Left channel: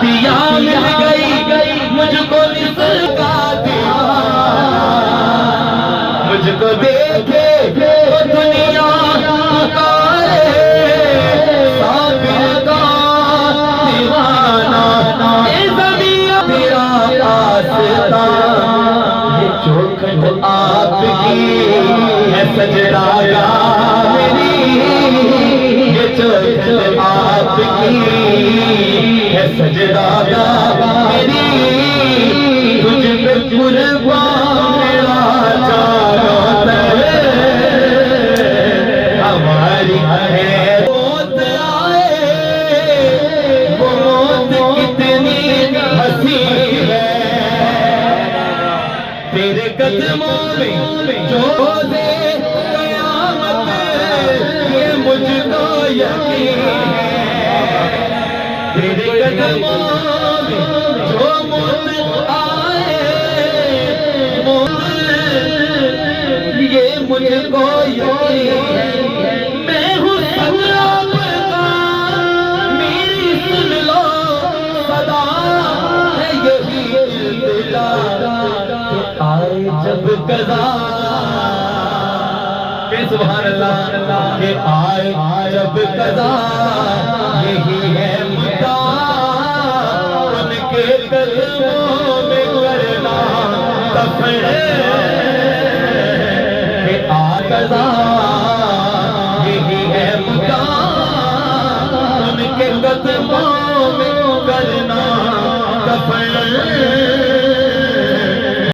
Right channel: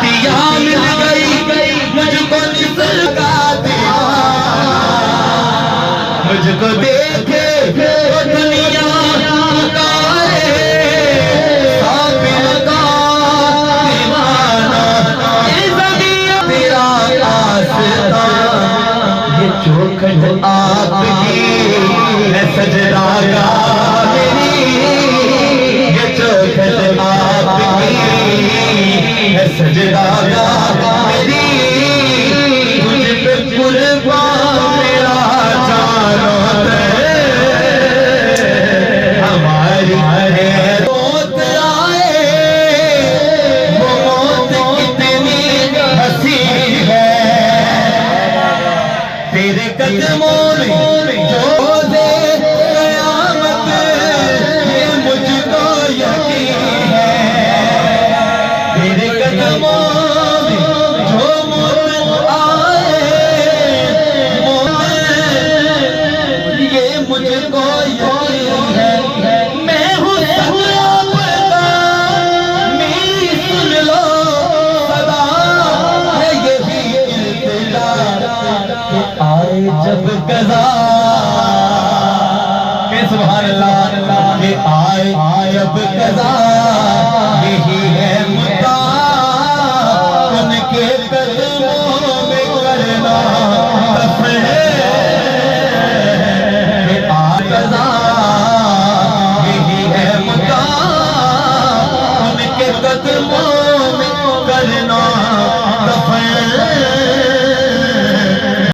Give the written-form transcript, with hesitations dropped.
पिया मिल गई मुझको निसका दीवाना, मुझको देखे वो दुनिया पुकारे साबिर का दीवाना। ये ज़मीं तेरा आस्था, ये चौखट आपकी है सजदा मेरी, ये चौखट आपकी है सजदा मेरी, तुझ पे कुर्बान मेरा जानो है। हमारी है मौत आए, वो मौत कितनी हसीन है, तेरे कदमों में जो दे कयामत, ये मुझको यकीन है। तेरे कदमों में जो मौत आए, ये मुझको यकीन है। मैं हूँ सलाम का, मेरी सुन लो सदा है यही इल्तिजा, कि आए जब कज़ा, सुभान अल्लाह, ये आए जब कज़ा, यही